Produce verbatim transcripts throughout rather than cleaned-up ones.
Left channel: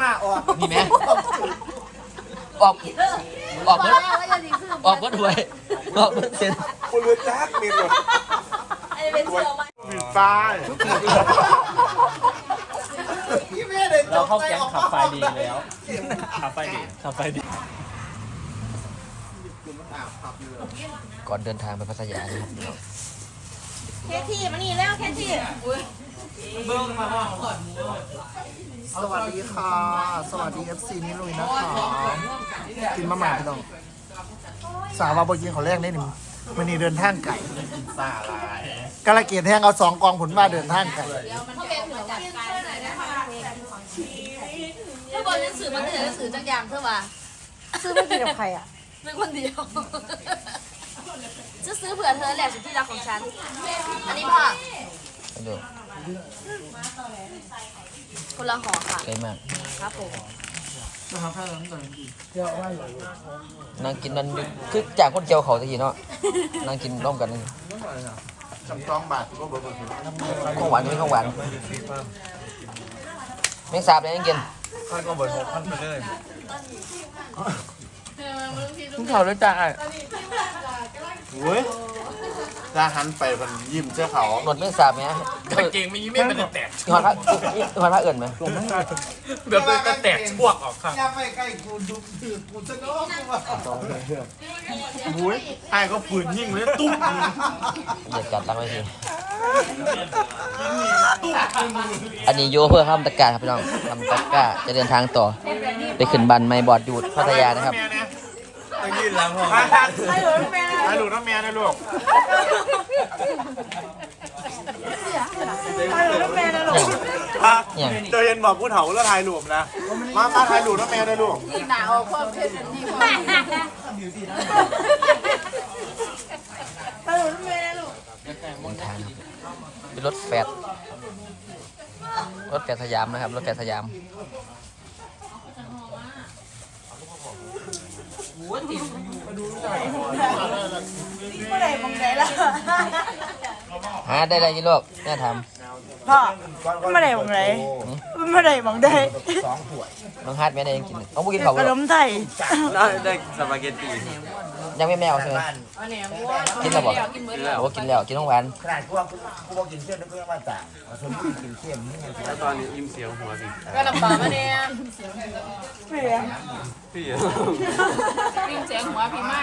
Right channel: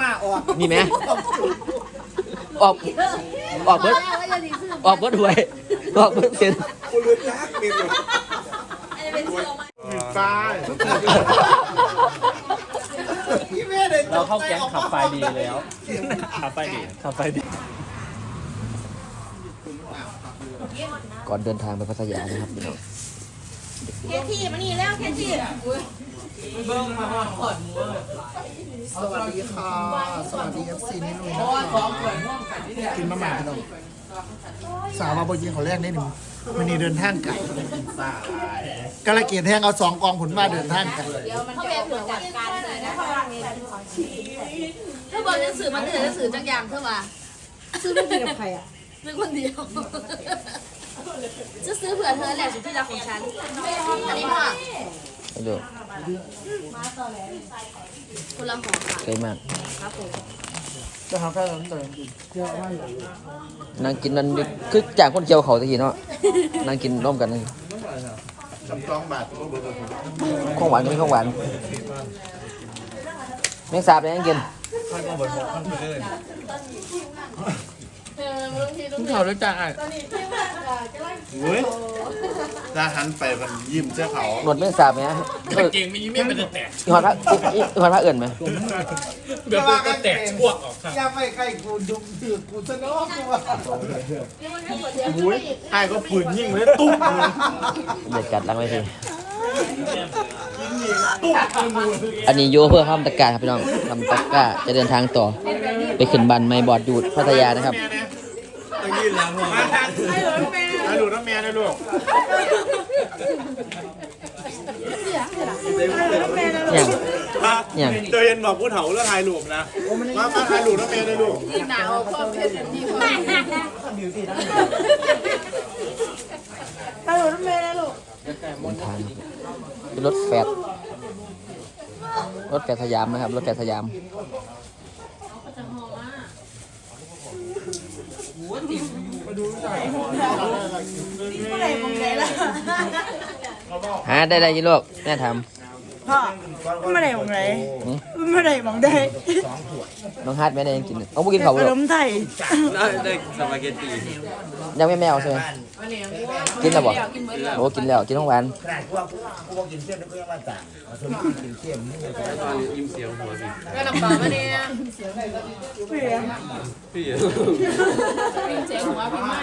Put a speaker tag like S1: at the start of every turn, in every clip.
S1: าออก
S2: นี่ไหมออกออกเบิดออกเบิดหวยออกเบิดเซ็น
S1: คนรู้จักมีหมดมีป้าย
S3: เราเข้าแก๊งขับไฟดีแล้วขับไฟดีขับไฟดี
S2: ก่อนเดินทางไปพัทยาเลย
S4: แค่ที่มานี่แล้วแค่ที่
S1: เบิ้งมาว่าขอดมือสวัสดีค่ะสวัสดีเอฟซีนี่ลุยนะคะกินมะหม่าพี่น้องสาวมาบยิงเขาแรกนี่หนึ่งมันนี่เดินทางไก่กระเกียดแห้งเอาสองกองผลมาเดินทางไก่
S4: ถ้าบอกจะสื่อมันจะสื่อจักยามเท่าว่า
S5: ซื้อไม่กินกับใครอ่ะ
S4: ซื้อคนเดียวจะซื้อเผื่อเธอแหละสุดที่รักของฉันอันนี้พ่อคนละห่อค่ะ
S2: เยอะมาก
S4: ครับผม
S1: จะทำแค่นั้นเลยเยอะมากเลย
S2: นั่งกินมันคือจากคนเจียวเขาทีเนาะนั่งกินร่วมกัน
S1: จำต้องบาทก็เบอร์เบอร์
S2: ข้าวหวานไม่ข้าวหวานยังสาบยังกิน
S1: ข้าวก็เบอร์หกขั้นไปเลยทุกเขาด้วยจ้าไอ้เว้ยจะหันไปมันยิ้มเจ้าเขา
S2: หมดไม่สาบไหม
S3: ตะเก่งไม่ยิ้มไม่เป็นแตก
S2: ยอดพระยอดพระเอื่นไหม
S3: เดี๋ยวก็แตกพวกออกครับ
S1: อย่าไปใกล้กูดุดือกูจะน้องกูอ่ะโอ้ยไอ้ก็ปืนยิงเลยตุ้มเลย
S2: อย่าจัดแล้วไม่ได้อันนี้โยเพื่อข้ามตะการครับพี่น้องเป็นตะการจะเดินทางต่อไปขึ้นบันไมบอร์ดดูดพัทยานะครับ
S1: ต้องยืนหลังห้องให้หลูกแม่ให้หลูกน้ำแม่นะลูกให้หลูกน้ำแม่นะลูกเจอเย็นบอกพูดเถาแล้วถ่ายหลูกนะมามาถ่ายหลูกน้ำแม่นะลูก
S4: อีกหนาวพ่อเพชรดีพ่อ
S5: ให้หลูกน้ำแม่นะลูก
S2: เป็นรถแฟดรถแฟดสยามนะครับรถแฟดสยาม
S5: เมื่อไหร่มองไหนล่ะ
S2: หาได้ไรยี่โลกแม่ท
S5: ำพ่อเมื่อไหร่มองไหนเมื่อไหร่มองได้
S2: น้องฮาร์ดไม่ได้กินเขากินเขา
S5: ขนมไทย
S3: ได้ได้สปาเกตตี้
S2: ยังไม่แมวใช่ไหมกินแล้วบอกกินแล้วกินแล้วกินทั้งวัน
S1: ขนาดพวกพวกกินเส้นแล้วก็ยังมาจ่างสมมติกินเส้นนี่
S3: ตอนนี้ยิ้มเสียวหัวสิ
S4: ก็ลำบากมาเนี่ย
S5: พี่
S3: พี่
S4: ยิ้มเสียหัวพี่ไม่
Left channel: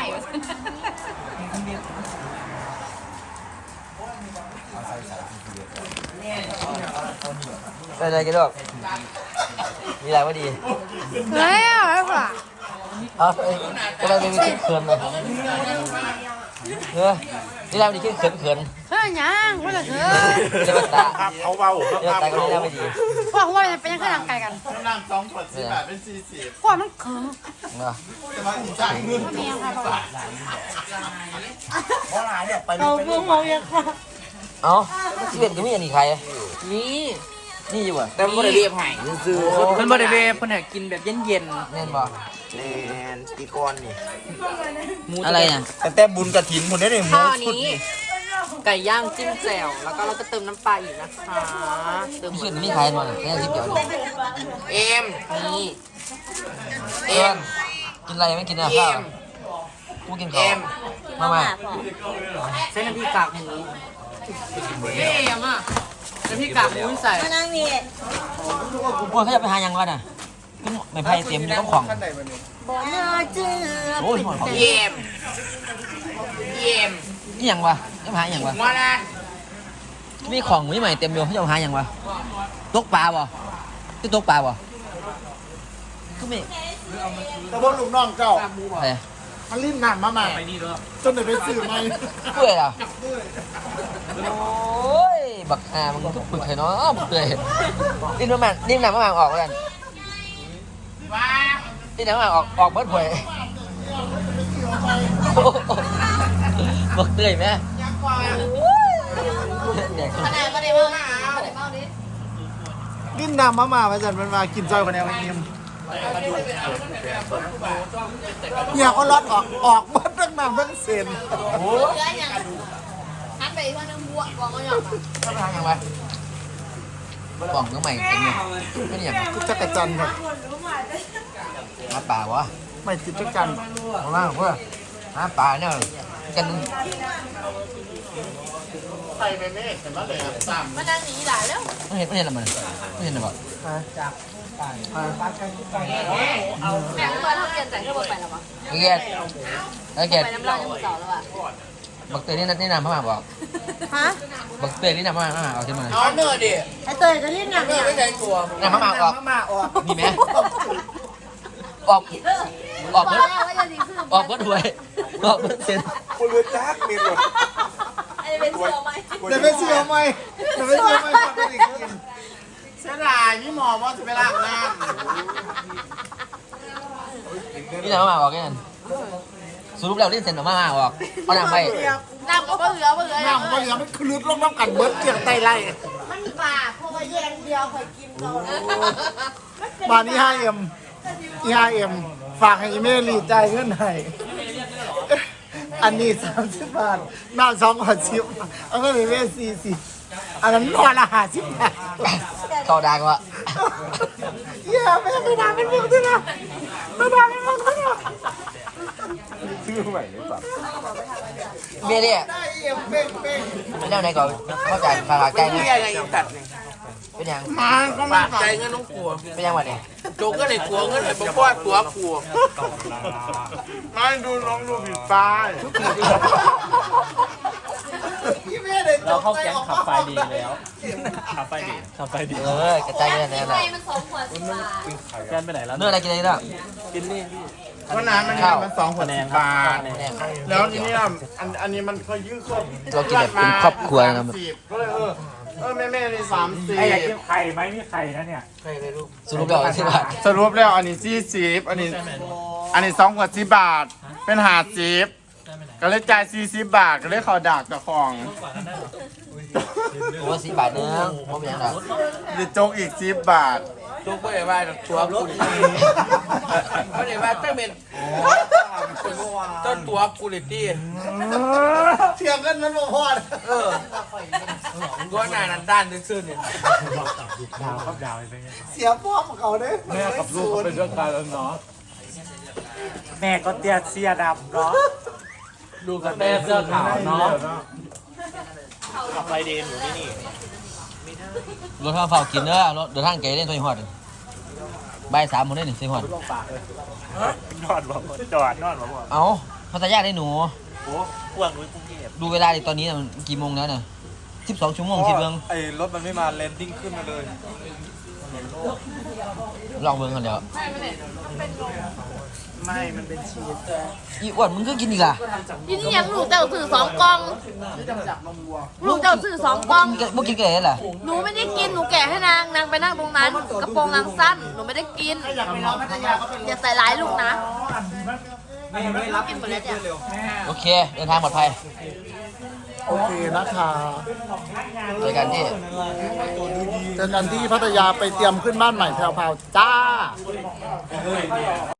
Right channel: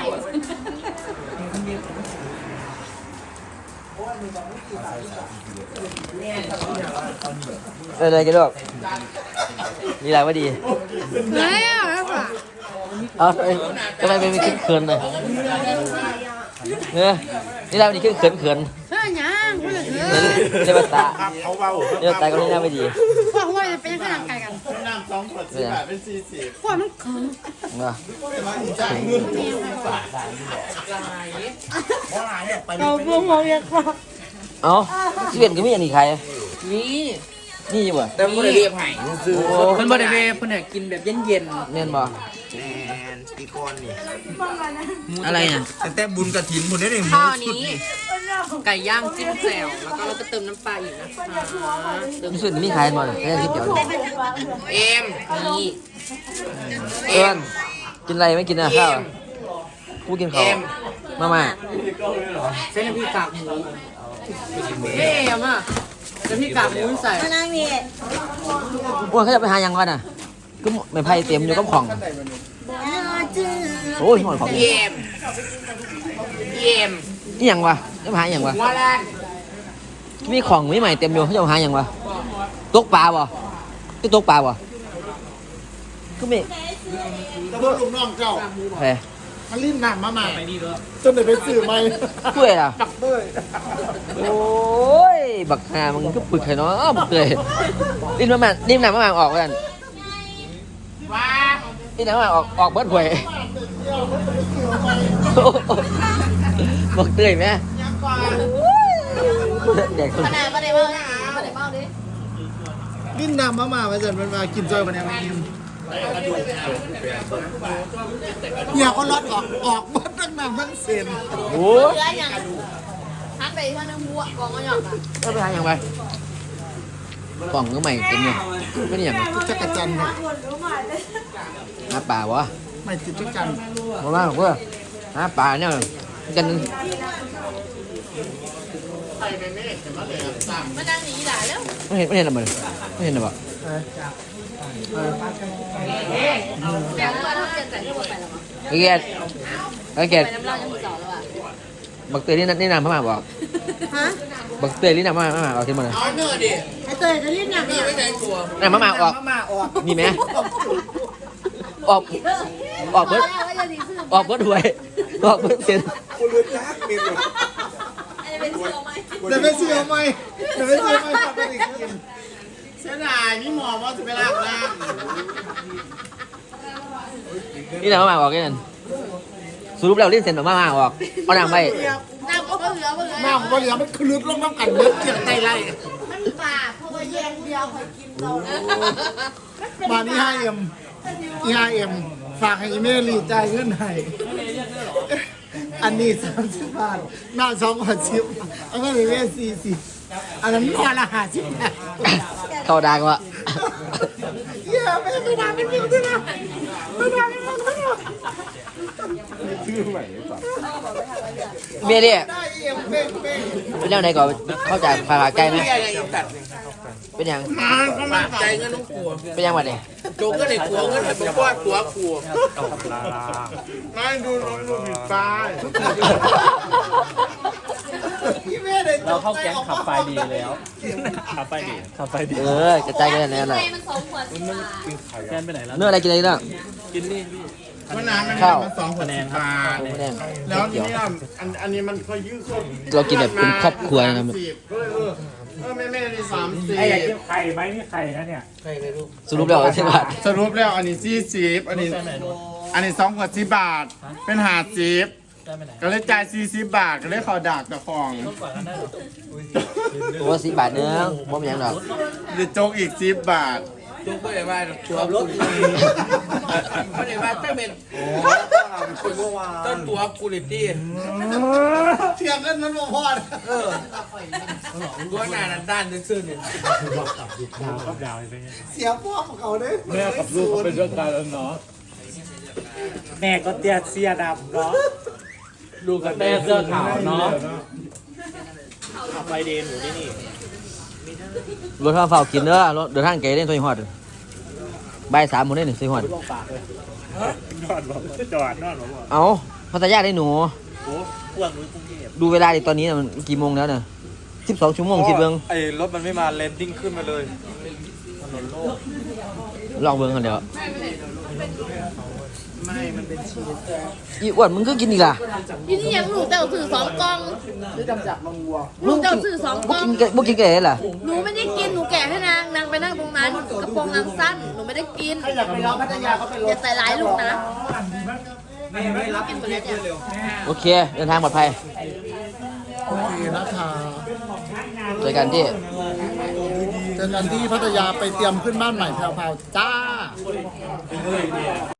S2: เออเลยกินด้วยยี่อะไรไม่ดี
S5: เฮ้ยอะไรกว่า
S2: เออไม่ได้ไม่เขินเลยเนี่ยนี่เราไม่ได้เขินเขิน
S5: เฮ้ยยังไม่เลยเฮ้ย
S1: เขาเบา
S2: ครับเขาไม่ดี
S5: พ่อว่าจะเป็นยังไงร่างกายกัน
S1: น้ำสองขวดสิบบาทเป็นสี่สิบ
S5: พ่อมันเขิน
S1: จ่ายเงินเมียค่ะเพราะอะไรเนี่ยไป
S5: เราเพิ่งมองยังค่ะ
S2: อ๋อที่เกิดยังไม่อันนี้ใคร
S3: นี่
S2: นี่อยู่อ่ะ
S3: แต่ไม่ได้เรียบไห่คือมันไม่ได้เรียบคนไหนกินแบบเย็นเย็น
S2: เน่นบ่
S1: แนนปีกอนนี่
S2: อะไรอ่ะ
S1: แต่แต่บุญกระถินคนนี้เนี่ย
S3: ข้าวนี้ไก่ย่างจิ้มแจ่วแล้วก็เราจะเติมน้ำปลาอีกนะคะ
S2: เติมขึ้นมีใครมาแค่ที่เดียว
S3: เอ็มนี่เอ็ม
S2: กินอะไรไม่กินอ่ะ
S3: เอ็ม
S2: กูกิน
S3: เอ็ม
S2: มาม่า
S3: เส้นน้ำพริกกากหมูเอ็มอ่ะน้ำพริกกากหมูใส่
S4: มานั่งนี่
S2: กูเคยไปหายังกันอ่ะก็ไม่ไพ่เต็มเลยต้องของโอ้ย
S3: เอ็มเอ็ม
S2: นี่ยังวะนี่หาอย่างวะมีของไม่ใหม่เต็มเลยเขาจะหาอย่างวะตกปลาวะที่ตกปลาวะคือไม่
S1: แต่พวกลูกน้องเจ้า
S2: ใช่
S1: มันรีบหนำมาใหม่จนเดี๋ยวไปสื่อใหม่
S2: เพื่ออ่ะ
S1: เพื่อ
S2: โอ้ยบักฮามึงก็ปึกไข่น้อยอ้อมเลยรีบมาใหม่รีบหนำมาใหม่ออกกัน
S3: ว้า
S2: รีบหนำมาใหม่ออกออกเบิร์ดหวยบอกเตยไหม
S4: เด็กขนาดมาได้บ้างมาได้บ้างดิ
S1: กินน้ำมามาไปจันมันมากินจอยวันนี้มันกินเนี่ยก็รอดออกออกมาตั้งน้ำตั้งเซน
S4: โอ้ยอย่างหันไปว่าน้ำหัวกองก็หยอก
S2: ยังไงกล่องมือใหม่เต็มเลยไม่เนี่ย
S1: จักรจันทร์ครับ
S2: น้าป่าวะ
S1: ไม่ติดจักรจันทร์
S2: เอาว่าเพื่อน้าป่าเนี่ยกันนึง
S1: ใส่ไปเมฆเห็นไหมเลยสาม
S4: มานั่งหนีหลายแล้ว
S2: ไม่เห็นไม่เห็นอะไรเลยไม่เห็นหรอ
S1: ไปไป
S4: แม่งมาทำเรียนแต่เธอบอกไปแล้วมั้ง
S2: ไอ้แกไอ้แก
S4: ไปน้ำลายยังหมดเสาแล้วอ่ะ
S2: บักเตยนี่นี่นำมากกว่า
S5: ฮะ
S2: บักเตยนี่นำมากมากเอาขึ้นมา
S3: เอาเนื้อดิ
S5: ไอเตยจะเรียกหนักเนี่ย
S3: ไม่ใช่ตัว
S2: นำมากออก
S5: มาออก
S2: นี่ไหมออกออก
S4: บอ
S2: เบิ
S4: ก
S2: ด
S4: แล้วว่าจะดีขึ้น
S2: ออกเบิดหวยออกเบิดเซ็น
S6: คุณรู้จักมีหมด
S4: อันนี้เป็นเชื่อไหม
S1: เดี๋ยวไปเชื่อไหมเดี๋ยวไปเชื่อไหมฟังกันอีกที
S3: เสียดายพี่หมอว่าจะไปล้างน้
S2: นี่นำมากออกกันสรุปแล้วเล่นเซ็นออกมากออกก็นำไป
S4: น้ำก็เหลือเหลือ
S1: หน้าผมก็เหลือมันคลึกลงน้ำกันเบิดเกี่ยงไตไล่
S5: มันปากเพราะว่าแยงเดียวคอยกินเรา
S1: บานนี้ห้าเอ็มอีห้าเอ็มฝากให้อีเมลีจ่ายเงินให้อันนี้สามสิบบาทหน้าสองขวดสิบเอาเงินอีเมลสี่สิบอันนั้นพอละห้าสิบบาท
S2: เข้าดังวะ
S1: เย้ไม่ไม่ได้เป็นเรื่องด้วยนะไม่ได้เป็นเรื่องด้วยนะ
S6: ชื่อใหม่เลยสัตว์
S2: เมียเนี่ย
S1: ได้เอ็มเป้งเป้ง
S2: เป็นยังไงก่อนเข้าใจปาก
S3: ำ
S2: แก
S3: เป็น
S2: นี่
S3: เรียอะไรยังตัดเนี่ย
S2: เป็นยัง
S1: มาก็
S3: ปากใจเงินน้องกลัว
S2: เป็นยังไงเนี่ย
S3: โจงก็เลยกลัวเงินเลยบอกว่าตัวกลัวนั่นดูน้องดูผิดป้าย
S1: อีเมลเลย
S7: เราเข้าแก๊งขับไฟดีแล้วขับไฟดีขับไฟดี
S2: เออกระจายกันเลย
S4: ยัง
S2: นะ
S4: ไงมันสองขวดสิบบาท
S7: แกนไปไหนแล้ว
S2: เนื้ออะไรกินอะไรเนื้อ
S7: กินนี่พี่
S3: เพราะน้ำมันมันสองขวด
S7: คะแน
S3: สิ
S7: น
S3: บ
S7: ครับ
S3: บาท
S7: คะแนน
S3: แล้วทีนี้อันอันนี้มันเคยยื้อครบ
S2: ตัวกินแบบเป็นครอบครัวนะ
S3: ก็เลยเออเออแม่แม่ในสามสิบ
S7: ไอ้อยากกินไข่ไหมมีไข่นะเนี่ย
S2: สรุปแล้วที่ว่า
S3: สรุปแล้วอันนี้สี่สิบอันนี้ อันนี้สองขวดสิบบาท เป็นหาสิบก็เลยจ่ายสี่สิบบาทก็เลยเขาดักเจ้าของ
S2: ร้อยสิบบาทเนื้อผมเห็นหรอ
S3: เดี๋ยวโจกอีกสิบบาทโจกไม่ได้ว่าตัวรถไม่ได้ว่าตั้งเป็นต้นตัวกูลิตี้
S1: เถียงกันนั้นบ่พอด
S3: เออตัวหน้านั้นด้านซื่อๆนี่
S7: ดาวครับดาวไป
S1: เสียพ่อของเขาเด้
S7: แม่กับลูกก็เป็นเรื่องการแล้วเนาะแม่ก็เตี้ยเสียดำเนาะลูกก็เตี้ยเสื้อขาวเนาะขับไฟดีหนูที่นี่
S2: รถข้าวเฝ้ากินเด้อรถเดินทางไกลเล่นซอยหอดบ่ายสามโมงได้หนึ่งซอยหอด
S7: ลงปากเลยนอนบอกจอดนอนบอกว่า
S2: เอาพัทยาได้หนู
S7: โอ้พวกนู้นกรุงเทพ
S2: ดูเวลาดิตอนนี้มันกี่โมงแล้วเนี่ยสิบสองชั่วโมงคิดเบิ้ง
S6: ไอ้รถมันไม่มาเลนดิ้งขึ้นมาเลย
S2: ลองเบิ้งกันเดี๋ยว
S3: ไม่มันเป็นชีส
S2: อีอ้วนมึงก็กินอีกล่ะ
S4: ทีนี้ยังลูกเจ้าสื่อสองกล่อง
S1: ที่จำจับมังวัว
S4: ลูกเจ้าสื่อสองกล่อง
S2: มึงมึงกินแก่เหรอ
S4: หนูไม่ได้กิน หนูแกะให้นาง นางไปนั่งตรงนั้น กระโปรงนางสั้น หนูไม่ได้กิน
S1: อยากไปร้องพัทยาก็ไปร้อง
S4: อย่าใส่ร้ายลูกนะไม่รับกินหมดแล้วเนี่ย
S2: โอเคเดินทางปลอดภัย
S1: โอเคนะคะ
S2: เจอกันที่
S1: เจอกันที่พัทยาไปเตรียมขึ้นบ้านใหม่แพรวๆจ้า